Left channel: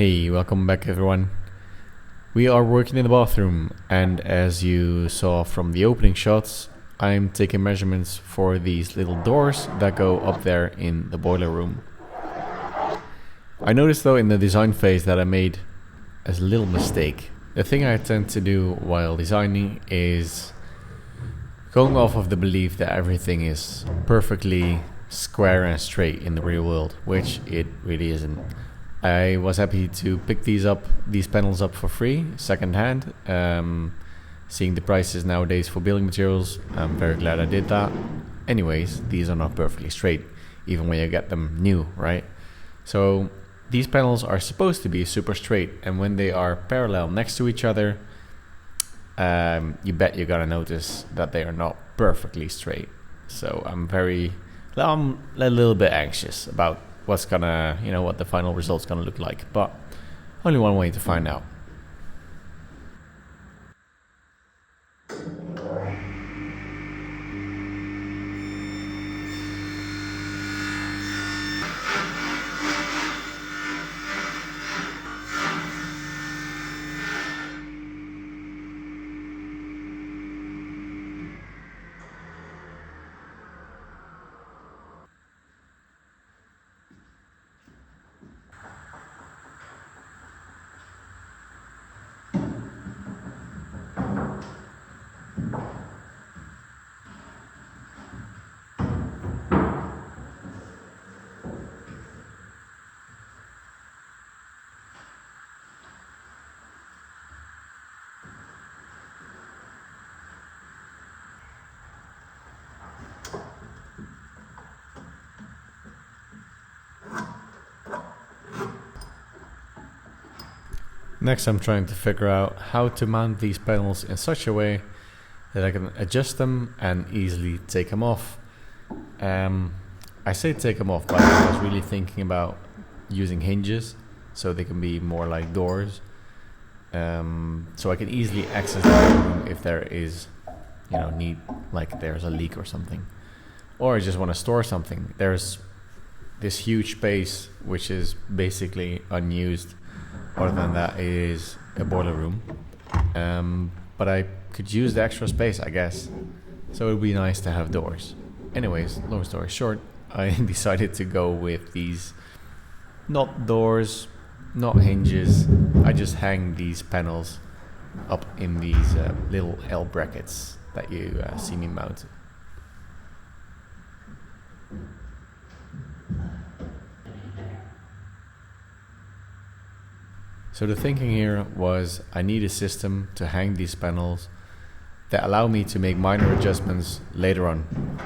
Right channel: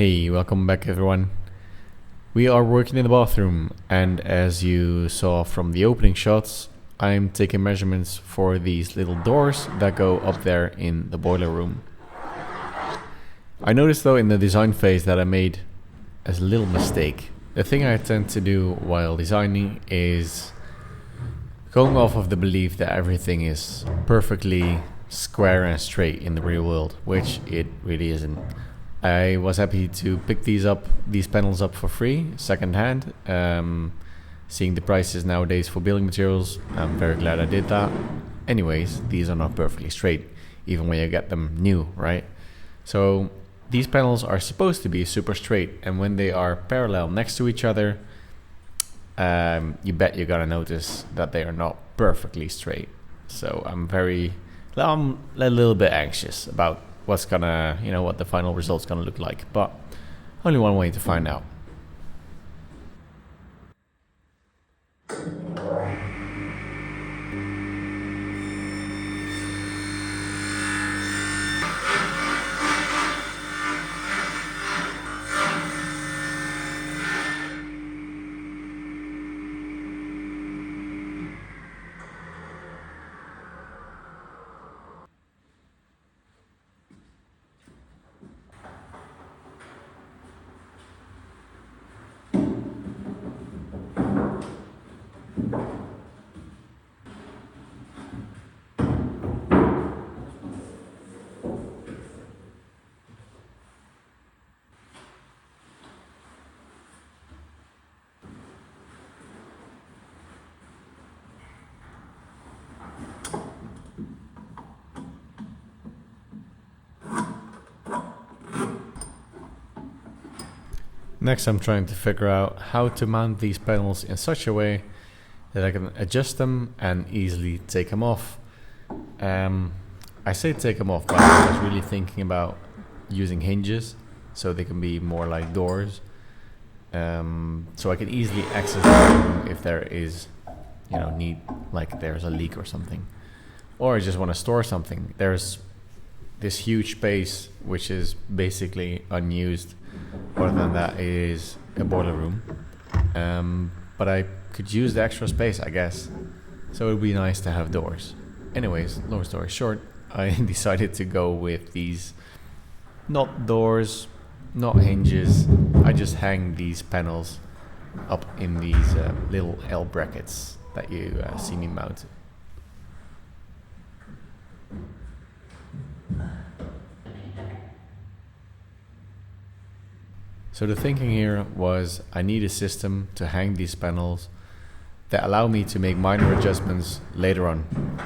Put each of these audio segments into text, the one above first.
Hey, welcome back everyone. We are working in the bathroom, and as you saw from the opening shots, I'm taking measurements for these little doors that go up there in the boiler room. I noticed though in the design phase that I made a little mistake. The thing I tend to do while designing is going off of the belief that everything is perfectly square and straight in the real world, which it really isn't. I was happy to pick these panels up for free, secondhand. Seeing the prices nowadays for building materials, I'm very glad I did that. Anyways, these are not perfectly straight, even when you get them new, right? So these panels are supposed to be super straight, and when they are parallel next to each other, you bet you're gonna notice that they are not perfectly straight. So I'm a little bit anxious about what's gonna, what the final result's gonna look like, but only one way to find out. Next, I'm trying to figure out how to mount these panels in such a way that I can adjust them and easily take them off. I say take them off, but I was really thinking about using hinges so they can be more like doors. So I can easily access the room if there is, like there's a leak or something. Or I just want to store something. There's this huge space which is basically unused. Other than that is a boiler room, but I could use the extra space, I guess, so it would be nice to have doors. Anyways, long story short, I decided to go with these, not doors, not hinges. I just hang these panels up in these little L brackets that you see me mount. So the thinking here was I need a system to hang these panels that allow me to make minor adjustments later on.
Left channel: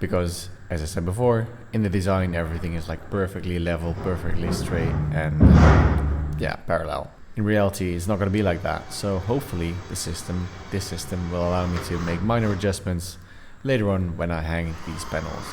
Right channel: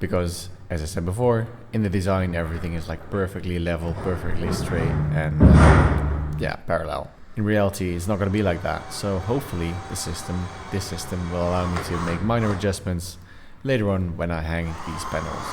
Because, as I said before, in the design everything is like perfectly level, perfectly straight, and parallel. In reality, it's not going to be like that. So hopefully this system will allow me to make minor adjustments later on when I hang these panels.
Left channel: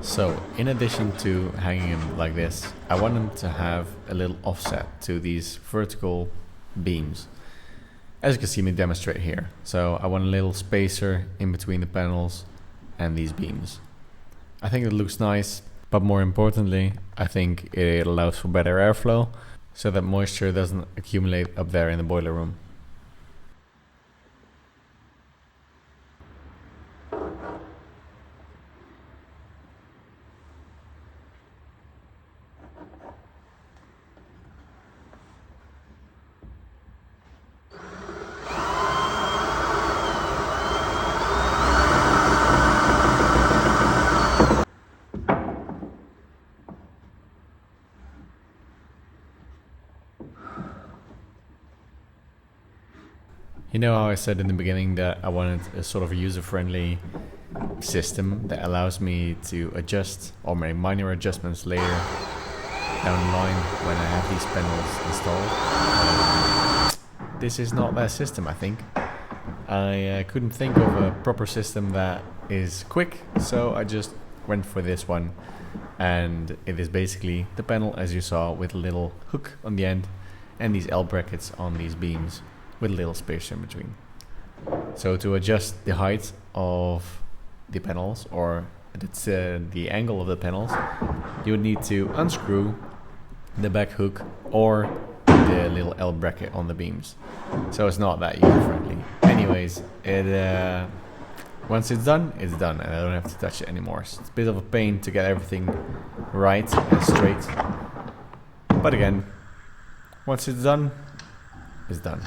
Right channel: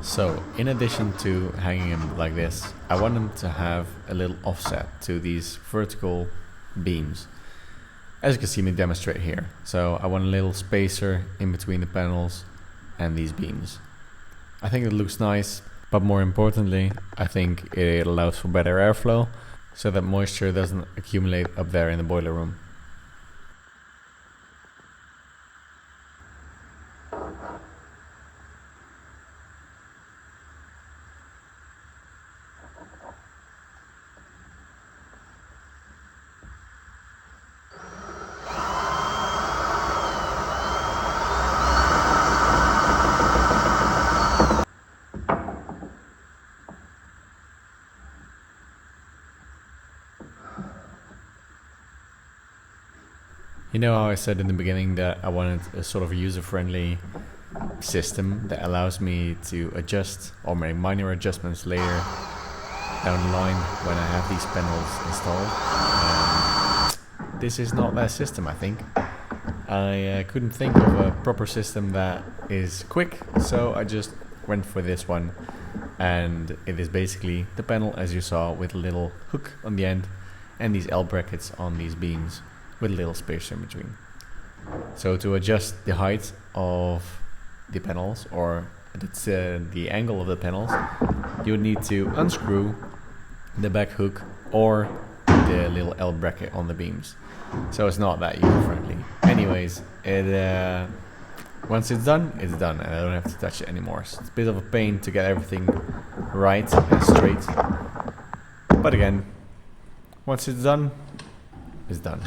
So, in addition to hanging them like this, I want them to have a little offset to these vertical beams. As you can see me demonstrate here. So I want a little spacer in between the panels and these beams. I think it looks nice, but more importantly, I think it allows for better airflow so that moisture doesn't accumulate up there in the boiler room. You know how I said in the beginning that I wanted a sort of user-friendly system that allows me to adjust or make minor adjustments later down the line when I have these panels installed. This is not that system, I think. I couldn't think of a proper system that is quick, so I just went for this one. And it is basically the panel as you saw, with a little hook on the end and these L brackets on these beams with a little space in between. So to adjust the height of the panels, or the angle of the panels, you would need to unscrew the back hook or the little L bracket on the beams. So it's not that user friendly. Anyways, once it's done, and I don't have to touch it anymore. So it's a bit of a pain to get everything right and straight. But again, once it's done, it's done.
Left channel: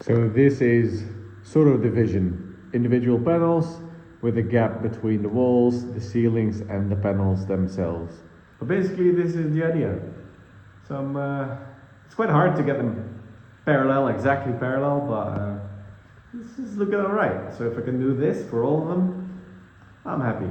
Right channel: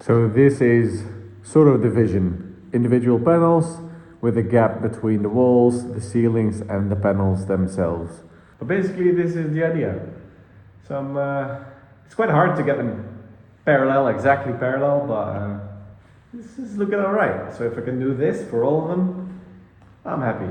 So this is sort of division. Individual panels with a gap between the walls, the ceilings and the panels themselves. But basically this is the idea. It's quite hard to get them exactly parallel, but this is looking alright. So if I can do this for all of them, I'm happy.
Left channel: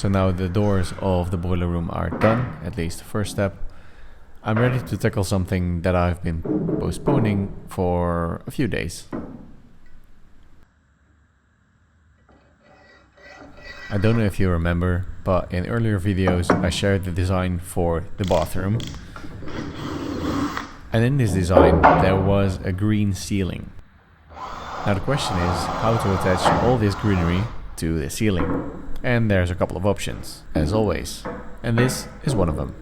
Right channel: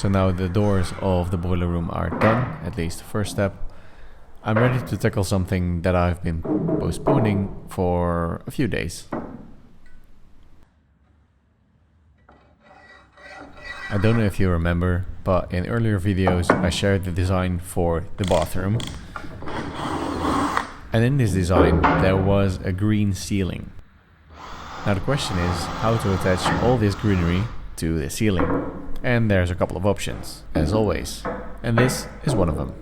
So now the doors of the boiler room are done, at least the first step. I'm ready to tackle something that I've been postponing for a few days. I don't know if you remember, but in earlier videos I shared the design for the bathroom. And in this design there was a green ceiling. Now the question is how to attach all this greenery to the ceiling. And there's a couple of options, as always. And this is one of them.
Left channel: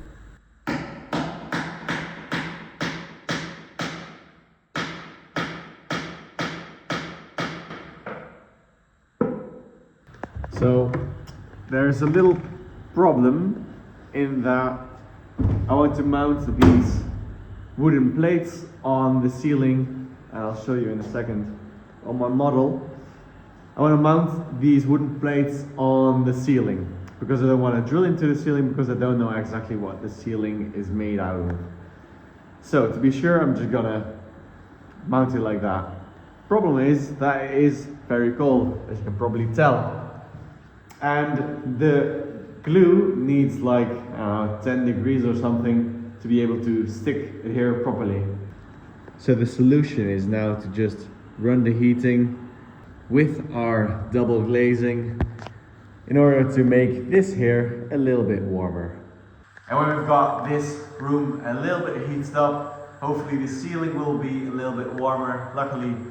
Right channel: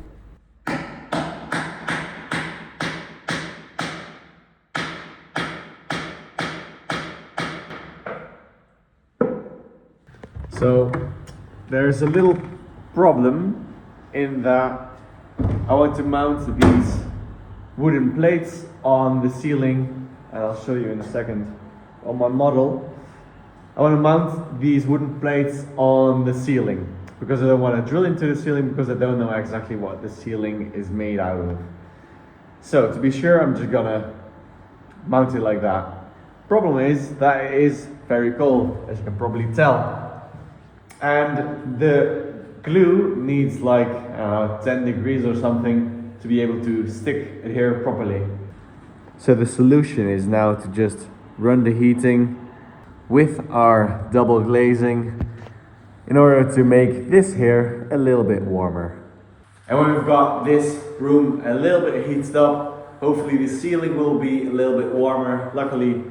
So there's a little problem in that I want to mount these wooden plates on the ceiling, and I'll show you in a second on my model. I want to mount these wooden plates on the ceiling because I don't want to drill into the ceiling because I don't know exactly what the ceiling is made out of. So to be sure, I'm just gonna mount it like that. Problem is that it is very cold, as you can probably tell. And the glue needs like 10 degrees or something to be able to stick it here properly. So the solution is now to just run the heating with our double glazing in order to make this here a little bit warmer. And when we've got this room a little bit heated up, hopefully the ceiling will be a little bit warmer. Luckily,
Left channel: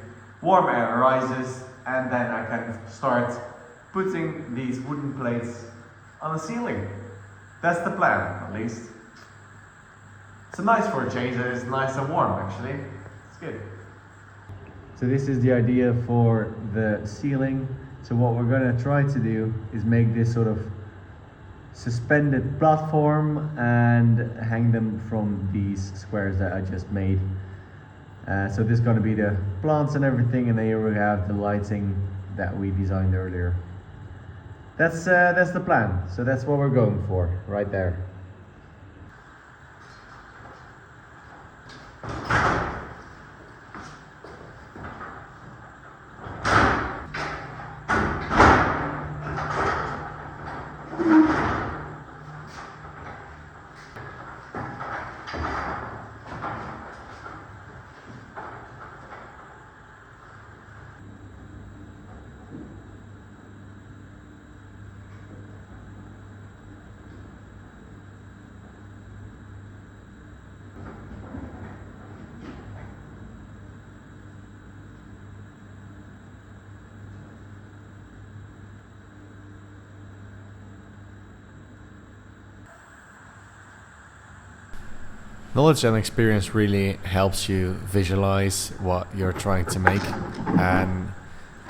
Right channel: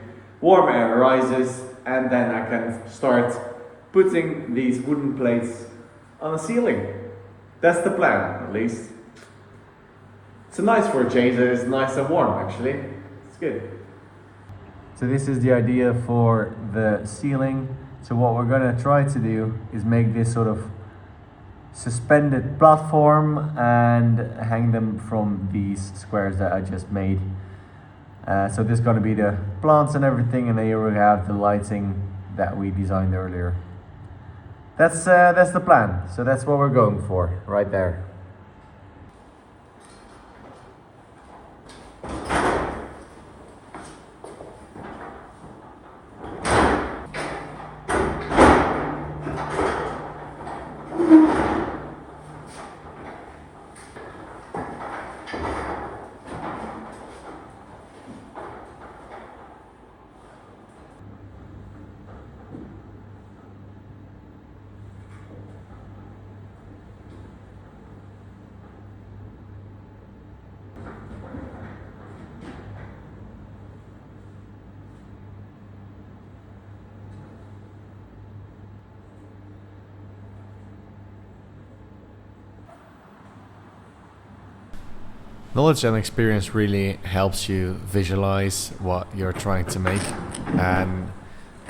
warm air arises, and then I can start putting these wooden plates on the ceiling. That's the plan, at least. It's nice for a change that it's nice and warm, actually. It's good. So this is the idea for the ceiling. So what we're gonna try to do is make this sort of suspended platform and hang them from these squares that I just made. So this is gonna be the plants and everything, and then you will have the lighting that we designed earlier. That's the plan. So that's what we're going for, right there. Knowledge and experience really helps you visualize what you're trying to make, and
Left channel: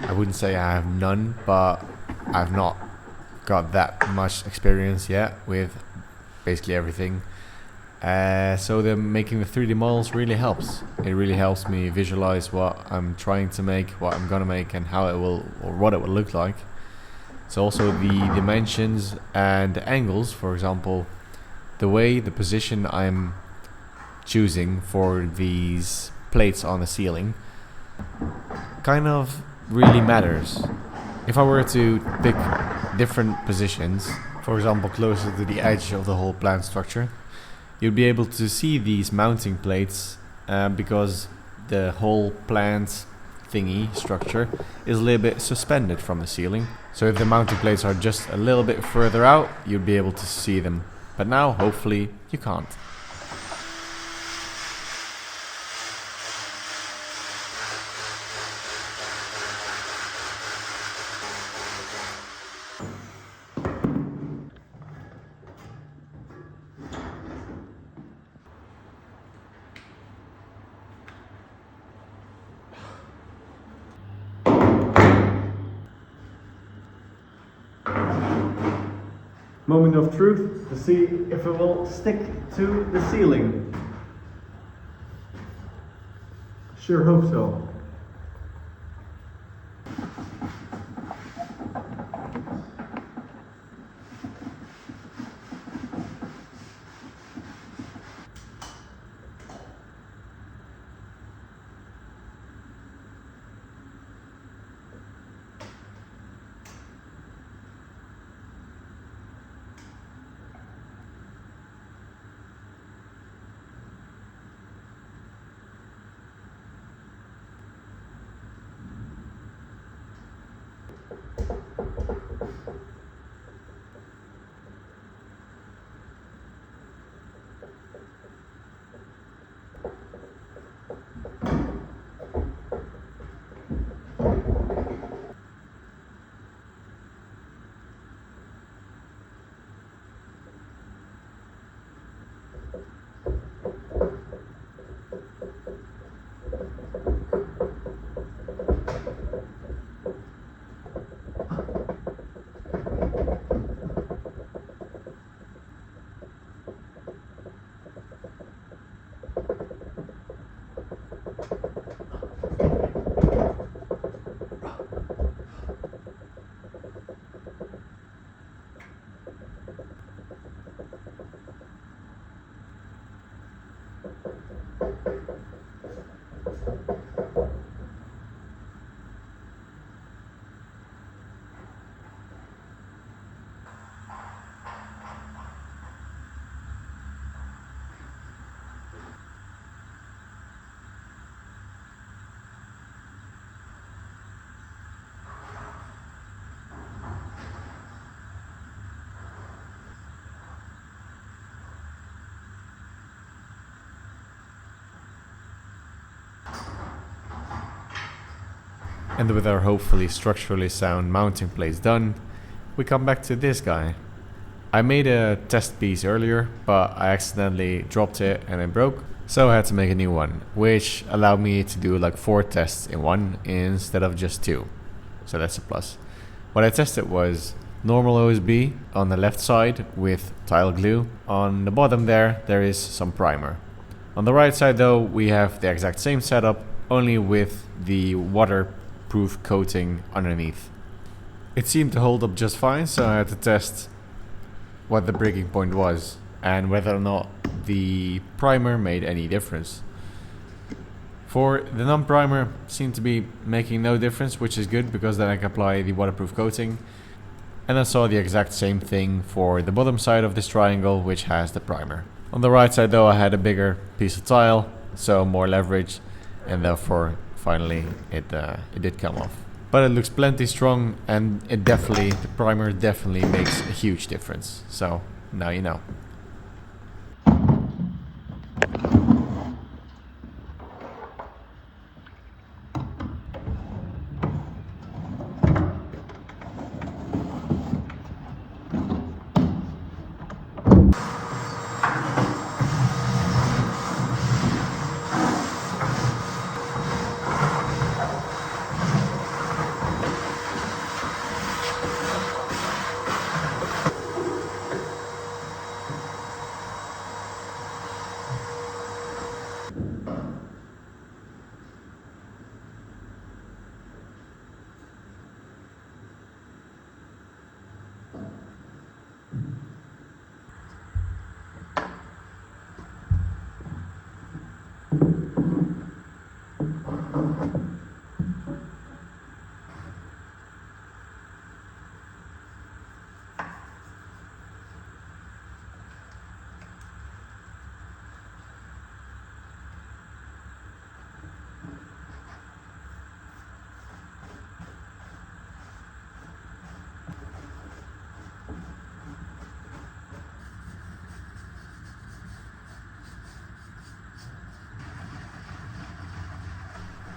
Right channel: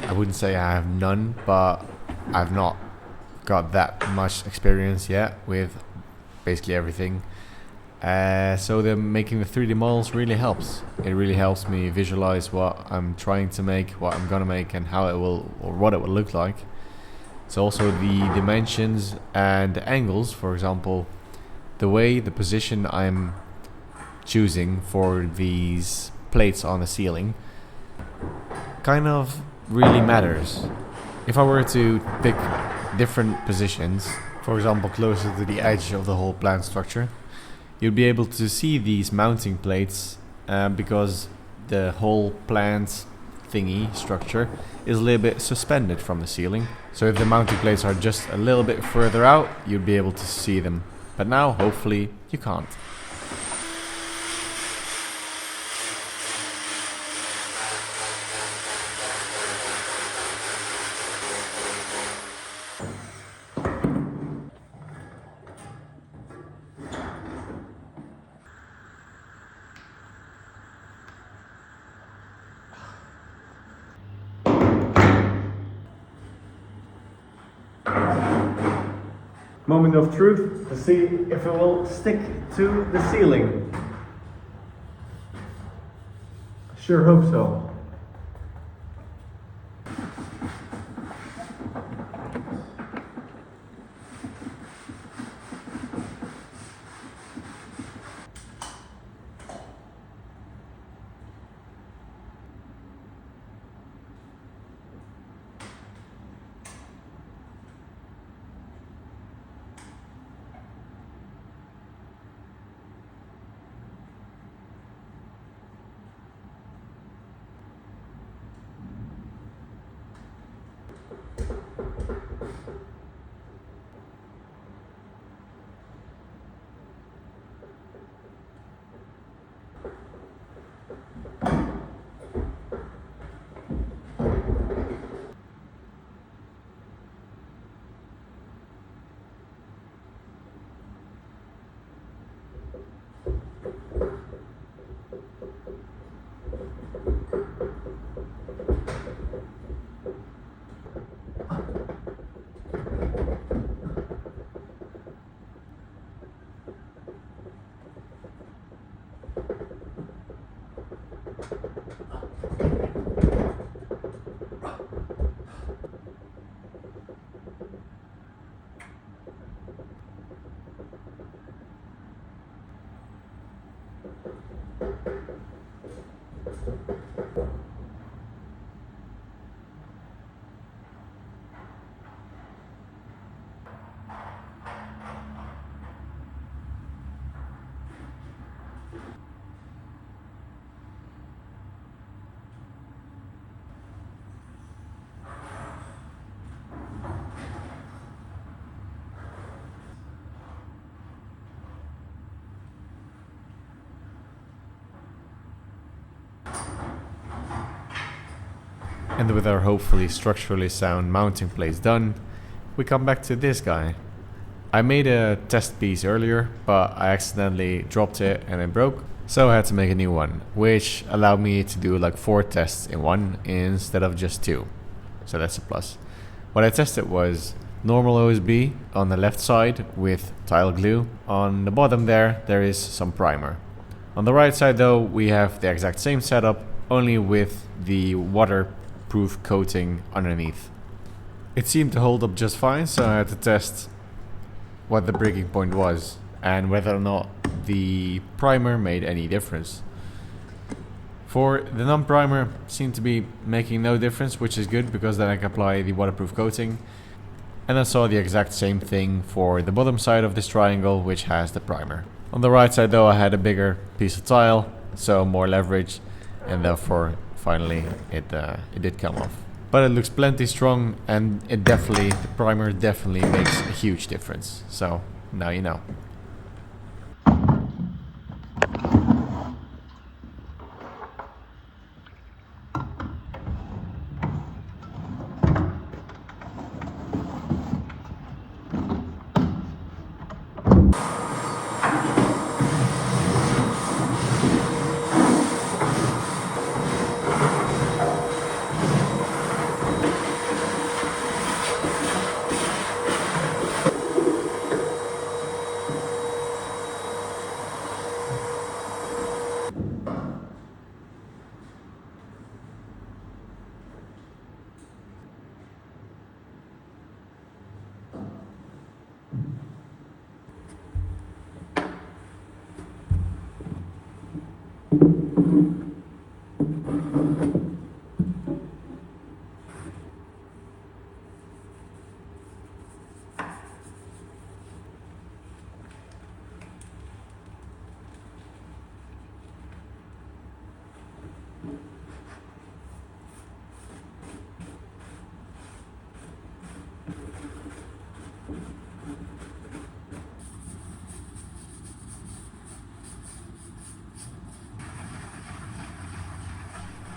I wouldn't say I have none, but I've not got that much experience yet with basically everything. So making the 3D models really helps. It really helps me visualize what I'm trying to make, what I'm gonna make, and how it will, or what it will look like. So also the dimensions and the angles, for example, the position I'm choosing for these plates on the ceiling kind of really matters. If I were to pick different positions, for example closer to the edge of the whole plant structure, you'd be able to see these mounting plates because the whole plant thingy structure is a little bit suspended from the ceiling. So if the mounting plates are just a little bit further out, you'd be able to see them. But now hopefully you can't. Moment of truth to see if it will stick to the ceiling. Sure hope so. And with our hopefully structurally sound mounting plates done, we come back to this guy. I made a test piece earlier, but I accidentally dropped it and it broke, so I had to make a new one, which allowed me to do like 4 tests in one instead of just 2. So that's a plus. What I tested was normal OSB on the left side with tile glue. On the bottom there is some primer. On the right side though, we have the exact same setup, only with the waterproof coating underneath. It seemed to hold up just fine, so I had to test what the breaking point was and whether or not the primer made any difference. For the non-primer, seemed to be making no difference, which is good because then I can apply the waterproof coating. And I saw the exact same thing for the bottom side of this triangle, which has the primer. On the right side though, I had a bigger piece of tile, so more leverage, and therefore finally it did come off. But it looks plenty strong, and the primer definitely makes a huge difference. So now you know.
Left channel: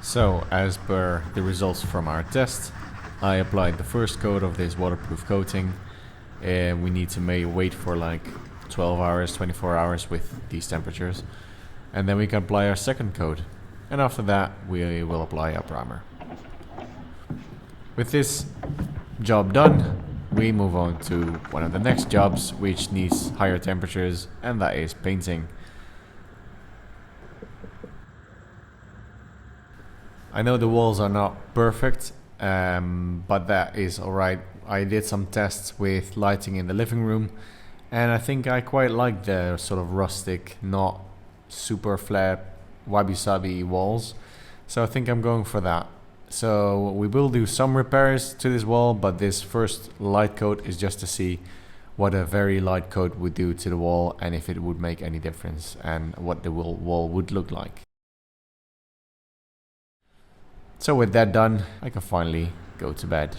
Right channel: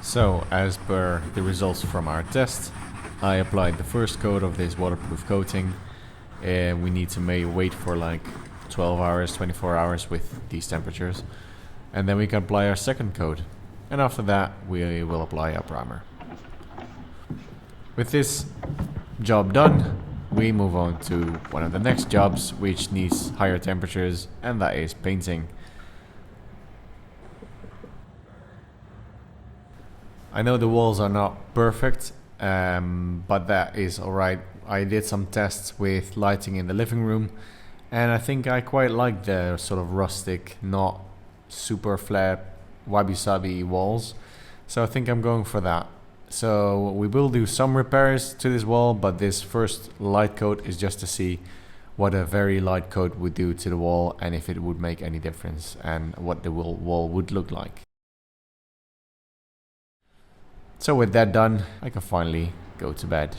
So, as per the results from our test, I applied the first coat of this waterproof coating, and we need to wait for like 12 hours, 24 hours with these temperatures, and then we can apply our second coat, and after that we will apply our primer. With this job done, we move on to one of the next jobs, which needs higher temperatures, and that is painting. I know the walls are not perfect, but that is alright. I did some tests with lighting in the living room, and I think I quite like the sort of rustic, not super flat, wabi-sabi walls. So I think I'm going for that. So we will do some repairs to this wall, but this first light coat is just to see what a very light coat would do to the wall, and if it would make any difference, and what the wall would look like. So with that done, I can finally go to bed.